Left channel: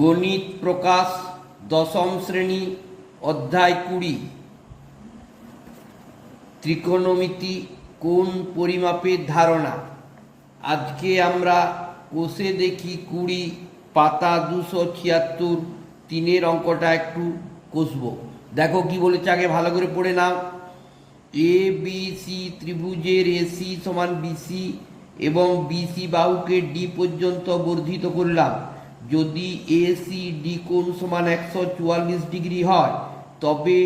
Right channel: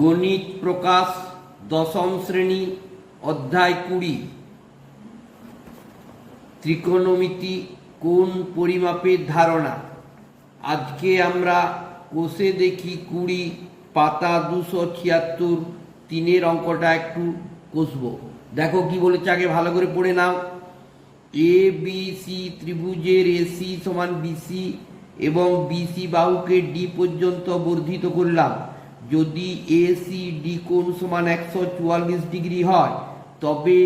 গণিত প্রকাশ, দশম শ্রেণি, অধ্যায় কুড়ি। ত্রিকোণমিতি কোন পরিমাপের ধারণা? আজকে আমরা কোষে দেখি কুড়ি, পাতা দুশো ছিয়াত্তর, তিনের অঙ্কটা একটু কষবো। দেখো কি বলেছে আগে ভালো করে পড়ে নাও। এ বি সি ত্রিভুজের এসি সমান বিসি এবং বিসি বাহুকে ডি পর্যন্ত বর্ধিত করলাম। যদি এ সি ডি কোণ সমান একশো চুয়াল্লিশ ডিগ্রি হয়, তবে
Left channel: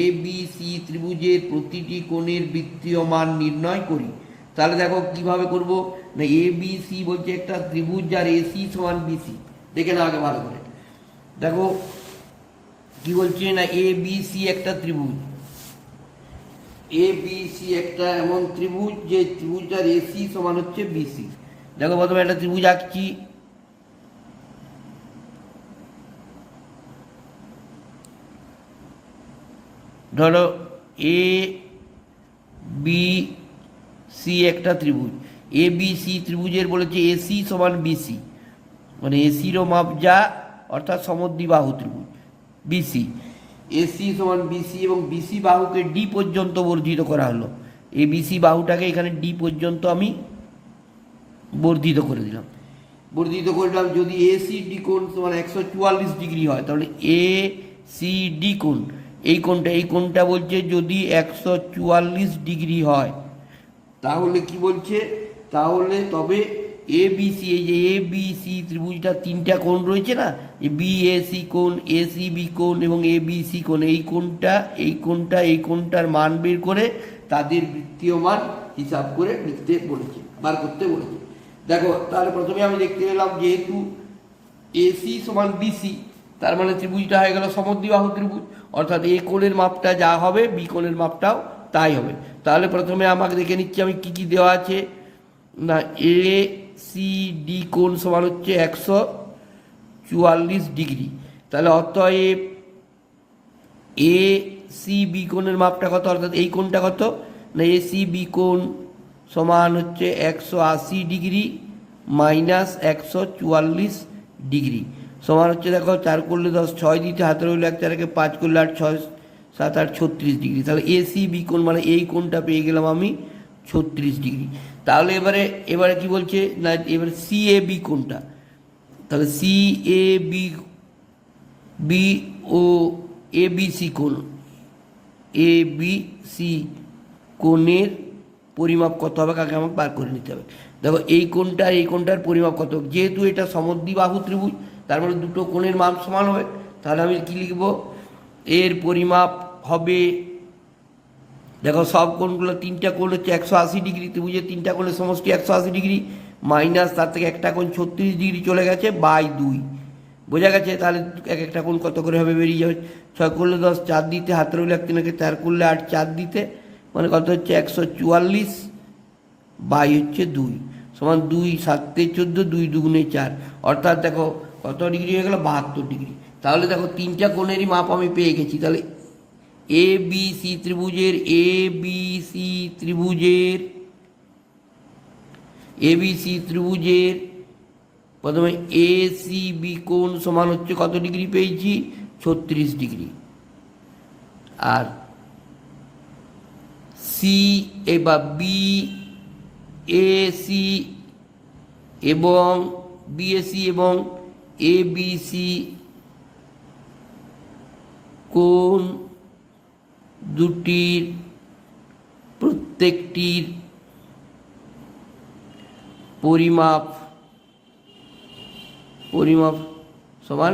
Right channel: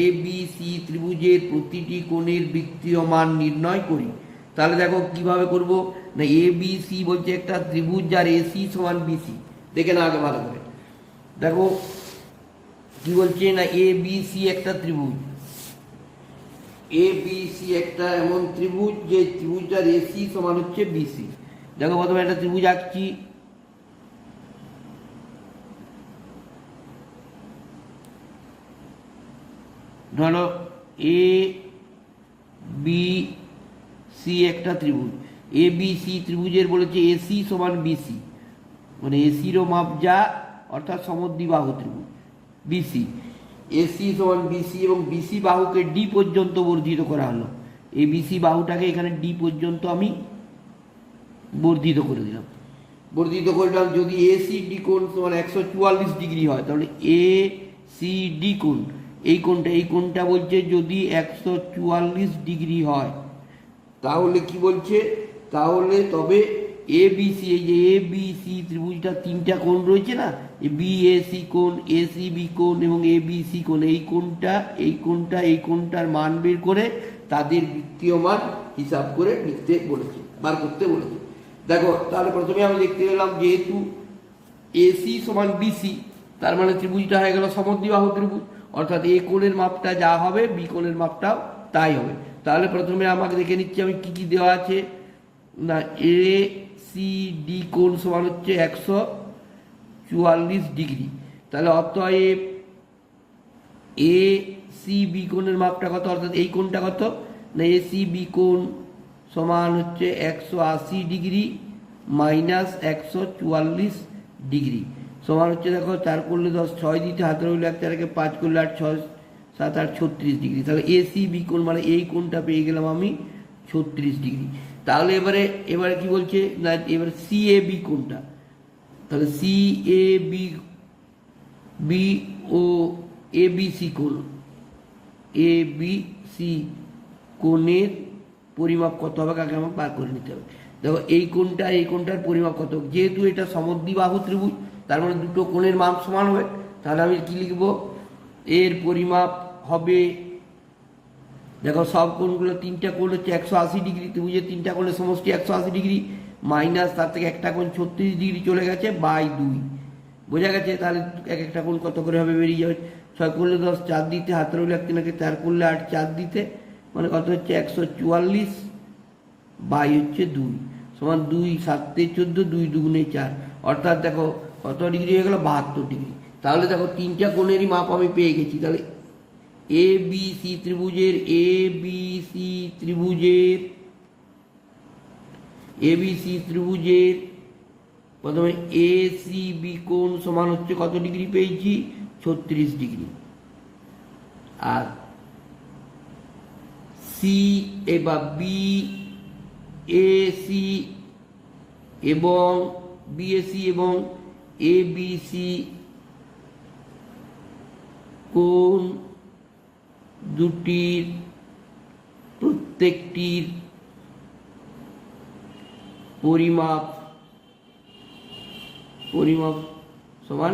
এ বি সি ত্রিভুজের প্রতিটি কোণের বৃত্তীয় মান নির্ণয় করি। তাহলে দেখো কীভাবে করব? না এ বি সি বলছে একটা ত্রিভুজ যার এসি সমান বিসি দেখে না আগে ভালো করে। দেখো, কি বলছে? না এ বি সি একটা ত্রিভুজ। এ বি সি একটা এমন ত্রিভুজ যে ত্রিভুজটার এসি সমান হচ্ছে বিসি দেখো প্রথমে একটা ত্রিভুজ আঁকছি। ধরো এ বি সি একটা ত্রিভুজ। এ বি সি ত্রিভুজের বলেছে এসি সমান বিসি মানে এসিরও মাপ যা, অর্থাৎ সমদ্বিবাহু ত্রিভুজ বিসি এসি সমান বিসি এবং বিসি বাহুকে ডি পর্যন্ত বর্ধিত করা হলো। এই বিসি বাহুটাকে এখানে ডি পর্যন্ত আমি বর্ধিত করে দিলাম। বর্ধিত করলাম যদি এসি ডি কোণ সমান একশো চুয়াল্লিশ ডিগ্রি হয়, তাহলে এ সি ডি কোণ। এই কোণটা এই কোণটা বলছে যদি একশো চুয়াল্লিশ ডিগ্রি হয়। তাহলে কি বলছে? তাহলে তবে এ বি সি এই যে এ বি সি ত্রিভুজটা তিনটা কোণ রয়েছে না? বি এ সি কোণ এ সি বি কোণ এবং এ বি সি কোণ, এই কোণটা এই কোণটা, এই কোণটার মান বের করে তাদের বৃত্তীয় মান হিসাব করে লিখতে বলেছে, বার করতে বলেছে। দেখো, তাহলে প্রথমে আমি দেখতে পেলাম যেহেতু এসি সমান বিসি তার মানে ত্রিভুজটা হয়ে গেল সমদ্বিবাহু ত্রিভুজ। অর্থাৎ এ কোণের মাপটা যা হবে, বি কোণের মাপটাও তাই হবে। তাহলে প্রথমে আমাকে দেখে নিচ্ছি আমি কি কি দেওয়া আছে। না, এ, সি, ডি কোণ সমান হচ্ছে একশো চুয়াল্লিশ ডিগ্রি। তাহলে অতএব এ, সি, বি কোণের মাপটা কত? অর্থাৎ এই কোণটা কত? না, এ, সি, বি কোণ সমান হচ্ছে একশো আশি ডিগ্রি মাইনাস একশো চুয়াল্লিশ ডিগ্রি। সমান হচ্ছে দেখো, চার করলে দশ, ছয় দিতে হাতের হইলে এক চারকে পাঁচ করলে আট, ছয়, সাত, আট, ছত্রিশ ডিগ্রি। তাহলে এ সি বি কোণ মানে এই কোণটা পেয়ে গেলাম আমি ছত্রিশ ডিগ্রি। তাহলে এবারে এবারে কি বলছে? না, এবারে সি এ বি কোণটা। তাহলে সি এ বি বি ও এ বি সি কোণ। এ বি সি কোণের পরিমাপ কত হবে কাকে আমাকে বার করে নিতে হবে। দেখো, এই কোণটা, এই কোণটার পরিমাপ কত? যেহেতু এটা সমদ্বি বাহু ত্রিভুজ তার মানে দুটো কোণের মাপ সমান হবে। তাহলে আমি কি লিখব? এর পরিমাপ হবে, দেখো সব কোণগুলো তিনটা কোণ হচ্ছে একশো আশি ডিগ্রি, ত্রিভুজের তিনটা কোণের সমষ্টি একশো আশি ডিগ্রি, মাইনাস তার থেকে একটা কোণ ছত্রিশ ডিগ্রি চলে গেছে বাই দুই। বোঝা গেছে? তাহলে এক একটা কোণ কত করে হবে? বেরিয়ে যাবে। ছয় করলে দশ, চার দিতে হাতের হইলে এক তিনকে, চার করলে আট, চার দিতে মানে কত হচ্ছে? একশো চুয়াল্লিশ বাই হচ্ছে দুই। সমান দুই সাতে চোদ্দ, দুই দুগুণে চার। অর্থাৎ দেখো কত ডিগ্রি হয়ে গেল? বাহাত্তর ডিগ্রি। তাহলে দেখো, তিনটা কোণেরই মাপ আমি পেয়ে গেছি। তাহলে এ বি সি ত্রিভুজের এ বি সি ত্রিভুজের এ বি সি ত্রিভুজের, প্রথমে এ সি বি কোণ সমান হচ্ছে কত ডিগ্রি পেয়েছি? ছত্রিশ ডিগ্রি। আর সি বা বি এ সি এবং বিএসি এবং এ বি সি কোন দুটির প্রত্যেকটির পরিমাপ পরিমাপ সমান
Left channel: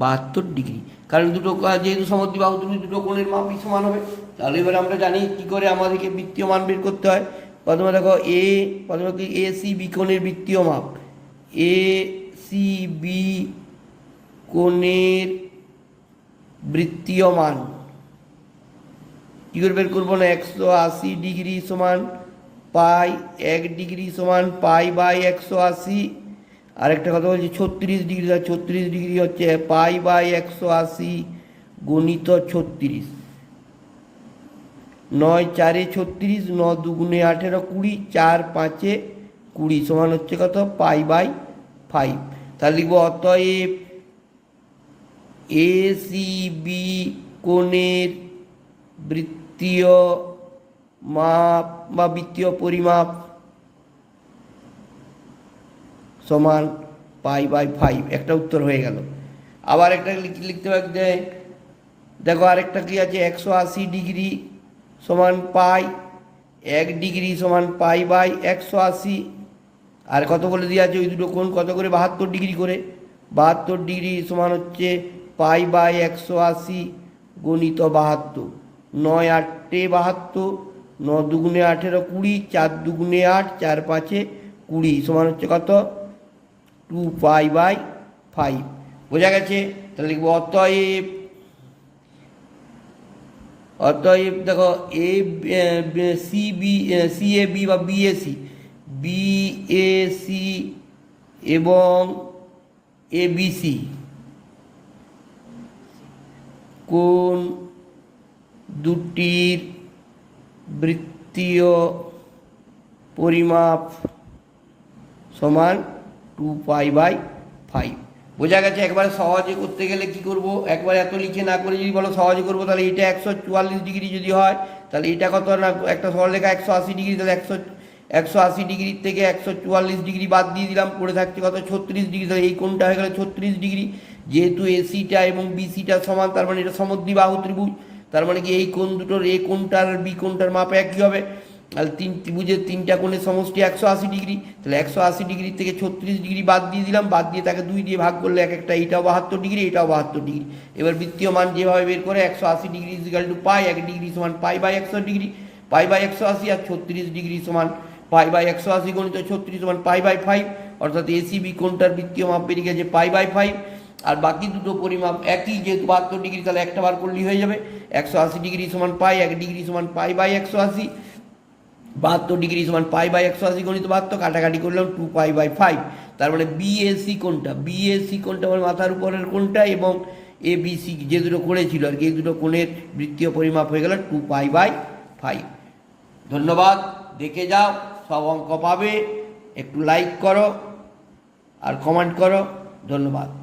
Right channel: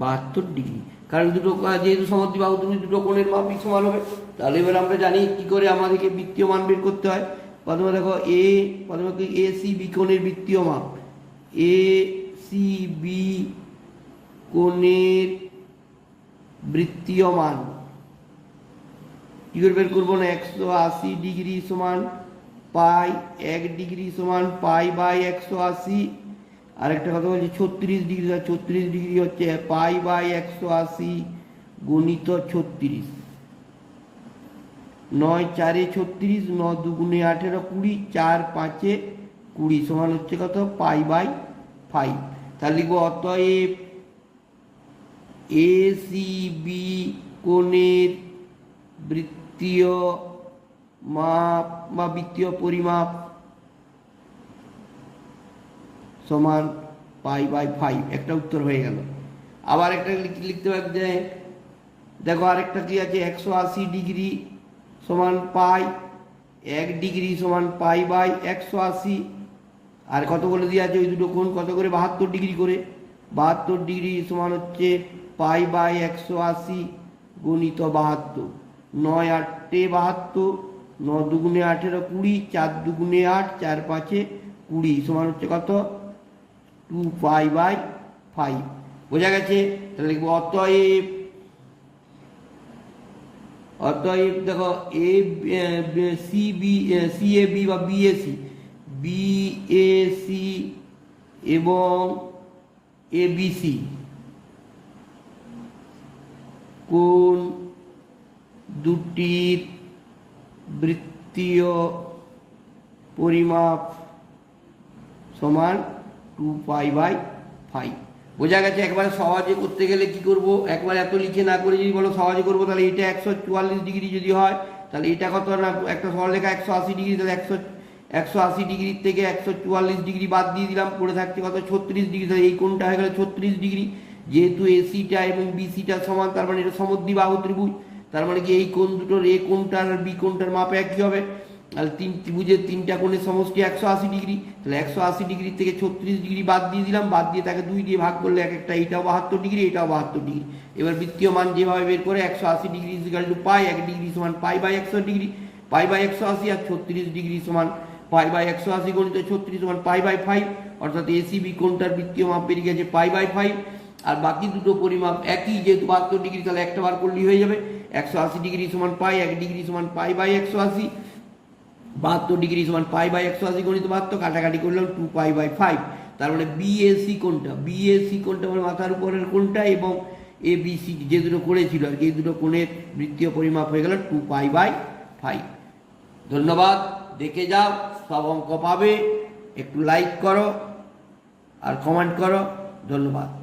বাহাত্তর ডিগ্রি। কারণ দুটো যেহেতু সমদ্বিবাহু তুমি দুটো কোণের মাপই সমান হবে। তাহলে এবার আমরা জানি কি করে আমাদেরকে বৃত্তীয় মান বের করতে হয়। প্রথমে দেখো এ প্রথমে কি এ সি বি কোণের বৃত্তীয় মাপ। এ সি বি কোণের বৃত্তীয় মান কী করে বের করব না? একশো আশি ডিগ্রি সমান পাই এক ডিগ্রি সমান পাই বাই একশো আশি। আরেকটা কথা বলছি, ছত্রিশ ডিগ্রি ছত্রিশ ডিগ্রি হচ্ছে পাই বাই একশো আশি গণিত ছত্রিশ। নয় চারে ছত্রিশ, ন দুগুণে আঠেরো কুড়ি, চার পাঁচে কুড়ি সমান হচ্ছে কত? Pi by five. তাহলে লিখব অতএব এ সি বি কোণের বৃত্তীয় মাপ বা বৃত্তীয় পরিমাপ সমান পাই বাই ফাইভ। একটা উত্তর হয়ে গেল। আবার একটা লিখ- লিখতে পারবে দেখো আরেকটা কি আছে? একশো আশি ডিগ্রি সমান পাই, এক ডিগ্রি সমান পাই বাই একশো আশি আর কত করে দেওয়া আছে ওই দুটো কোণ? কত করে? বাহাত্তর ডিগ্রি করে। বাহাত্তর ডিগ্রি সমান হচ্ছে পাই বাই একশো আশি গণিত বাহাত্তর। নয় আটে বাহাত্তর ন দুগুণে আঠেরো কুড়ি, চার দুগুণে আট, চার পাঁচে কুড়ি। সমান হচ্ছে কত? Two pi by five. বোঝা গেছে? তাহলে লিখব অতএব অতএব দেখো A C, B C, A, B বা বিএসি বিএসি এবং এবিসি কোন দুটির বৃত্তীয় পরিমাপ সমান টু পাই বাই ফাইভ বোঝা গেছে একবারে সহজে করতে গেলে কি করব? একবার এত লিখে না করে যদি বলো সহজে করব, তাহলে এটা একশো চুয়াল্লিশ ডিগ্রি যদি হয়, তাহলে এটা কত? একটা সরল লেখা একশো আশি ডিগ্রি, তাহলে একশো একশো আশি ডিগ্রির থেকে একশো চুয়াল্লিশ ডিগ্রি বাদ দিয়ে দিলাম, পড়ে থাকছে কত? ছত্রিশ ডিগ্রি। তাহলে এই কোণটা হয়ে গেল ছত্রিশ ডিগ্রি। যেহেতু এসিটা এবং বিসিটা সমান, তার মানে এটা সমদ্বিবাহু ত্রিভুজ। তার মানে কি এই কোণ দুটোর এ কোণটার আর বি কোণটার মাপে একই হবে? তাহলে তিন ত্রিভুজের তিনটা কোণের সমষ্টি একশো আশি ডিগ্রি। তাহলে একশো আশি ডিগ্রি থেকে ছত্রিশ ডিগ্রি বাদ দিয়ে দিলাম। বাদ দিয়ে তাকে দুই দিয়ে ভাগ করলে এক একটা, এইটাও বাহাত্তর ডিগ্রি, এটাও বাহাত্তর ডিগ্রি। এবার বৃত্তীয় মান যেভাবে বের করে, একশো আশি ডিগ্রি ইজিক্যাল টু পাই এক ডিগ্রি সমান পাই বাই একশো ডিগ্রি। পাই বাই একশো আশি আর ছত্রিশ ডিগ্রি সমান পাই বাই একশো আশি গণিত ছত্রিশ সমান পাই বাই ফাইভ অর্থাৎ এসিবি কোনটার বৃত্তীয় মাপ বেরিয়ে গেছে পাই বাই ফাইভ আর বাকি দুটো পরিমাপ একই, যেহেতু বাহাত্তর ডিগ্রি, তাহলে একটা বার করলেই হয়ে যাবে। একশো আশি ডিগ্রি সমান পাই, এক ডিগ্রি সমান পাই বাই একশো আশি, বাহাত্তর ডিগ্রি সমান পাই বাই একশো আশি গণিত বাহাত্তর, কাটাকাটি করলাম টু পাই বাই ফাইভ তার মানে বিএসি কোনটা? বিএসি কোনটা আমার মাথার উপরের কোনটা এবং এ বিসি যে দুটো করেছিল আর কি, এই দুটো কোণের বৃত্তীয় পরিমাপ হয়ে গেল টু পাই বাই ফাইভ ধন্যবাদ, দেখে যাও। সব অঙ্ক পাবে। একটু লাইক করো আর কমেন্ট করো। ধন্যবাদ।